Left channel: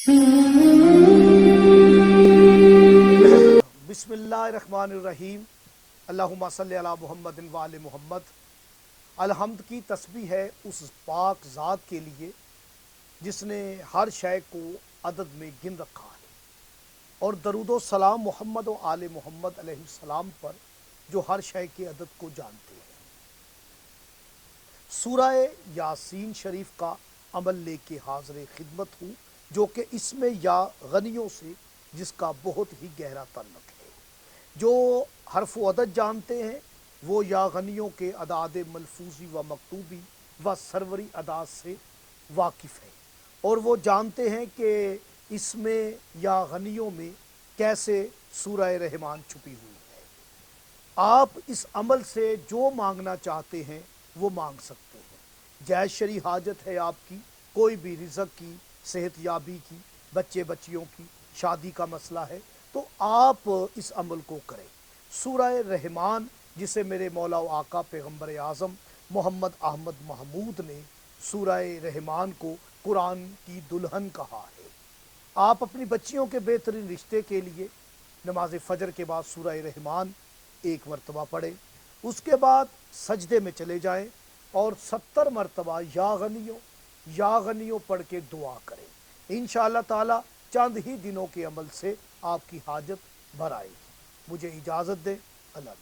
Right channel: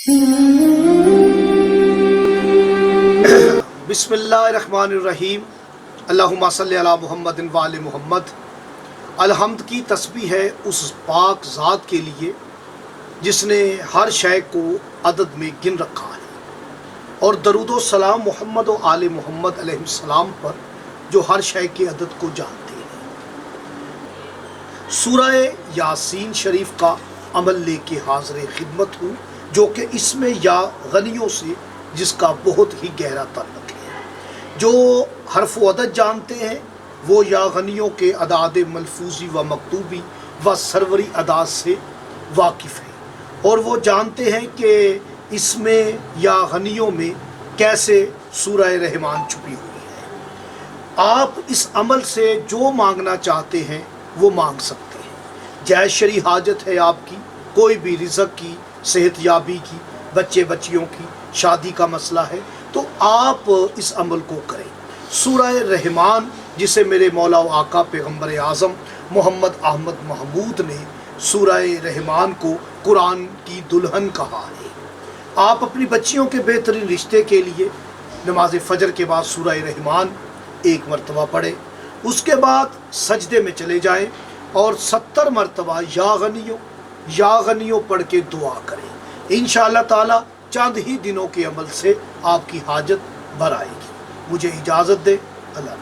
बिस्मिल्लाहिर्रहमानिर्रहीम। अल्लाहुम्मा सल्ली अला मुहम्मदिन व आले मुहम्मद। अलहम्द की तस्बीह है उस पाक ज़ात के लिए जिसने हर शय को अदद में गिन रखा है, और दरूद व सलाम मोहम्मद व आले मोहम्मद अलैहिस्सलाम पर जो हर शय के अदद को जानते हैं। सूरह यासीन शरीफ का अमल लेके हाज़िर खिदमत हूँ, जो कि इसमें या गनियों से जिसका बहुत ही गहरा ताल्लुक़ है। जो हर्फ व अदद जानते हैं वो या गनियों के अदाद मलफूजी व मकतूबी व सरवरी अदाद से वाकिफ़ है, और वो जानते हैं कि इसमें या गनियों में कैसे सूरह रहमान छुपी हुई है। आप इस अमल से जो मांगना चाहते हैं वो मांग सकते हैं। जायज़ शरई हाजत है आपकी, कोई भी रिज़्क़ की, सेहत याबी की, बच्चे बच्चियों की, शादी का मसला है, तो आप इस अमल को करें। सूरह रहमान, जिसे मेरे मौला व आका पैगम्बर आज़म मोहम्मद अहमद महमूद ने सूरह रहमान को कुरान की दुल्हन कहा है। आप अपनी बच्चियों के बेहतरीन रिश्ते के लिए नमाज फ़जर के बाद सूरह रहमान एक मरतबा पढ़ें, उसके बाद सजदे में चले जाएं और 70 मरतबा या गनियों पढ़ के दुआ करें। इंशाअल्लाह ताला चंद ही दिनों के अमल से आपकी हाजत भर आएगी। मुझे इजाज़त दे। अल्लाह।